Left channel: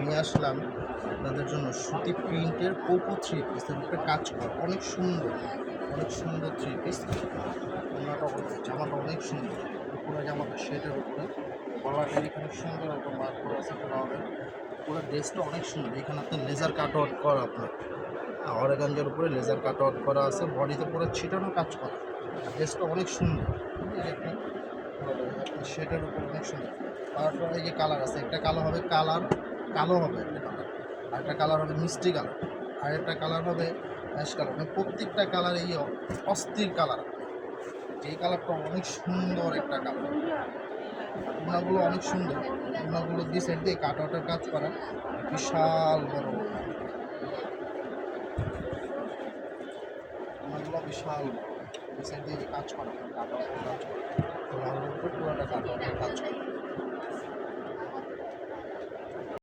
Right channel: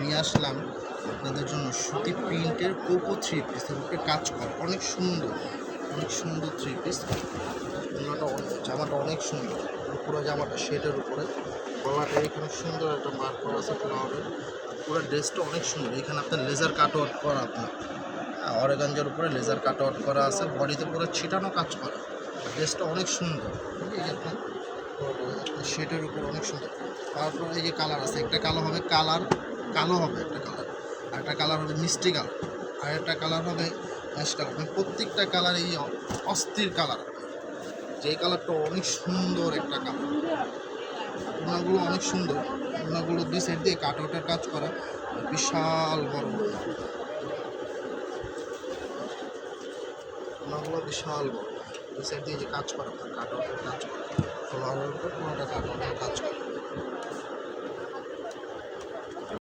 নিয়ে আসলাম আপনাদের জন্য সুতি প্রিন্টের কোকো থ্রি পিসের উপরে কাজ করা অনেক সুন্দর থ্রি পিস। জামাটা অনেক সুন্দর, পুরো জামাটা শেডের উপরে, গলাটা এখানে সুন্দর একটা মার্ক করা আছে ফ্লাওয়ারের। পুরো ড্রেসটা অনেক সুন্দর। এখানে আপনার লেজার কাট আউট করা, আপনার অরেগাঞ্জার উপরে লেজার কাট আউট করা আছে, বডিতে পুরো ছিটানো কাজ করা। ড্রেসটা অনেক সুন্দর, ঠিক আছে? আপনার শেডের উপর অনেক সুন্দর। তারপর এই যে কালার আছে, একটা কালো হবে, কালো হবে একটা কালার, আর একটা কালার হবে মিষ্টি কালার, আর একটা কালার হবে অ্যাশ কালার। মানে প্রত্যেকটা কালার এই অস্থির কালার। যেই কালারটা অনেক সুন্দর একটা কালার, ওনাগুলো অনেক সুন্দর। ওনাগুলো দুই সাইড দিয়ে কাট আউটের কাজ করা, বিশাল বড় ওনাগুলো, বিশাল বড়। দুই সাইড দিয়ে যে কাজ করা, আপনার কাট আউটের কাজ করা, ফ্লাওয়ারের উপরে পুরোটা কাট আউটের কাজ করা।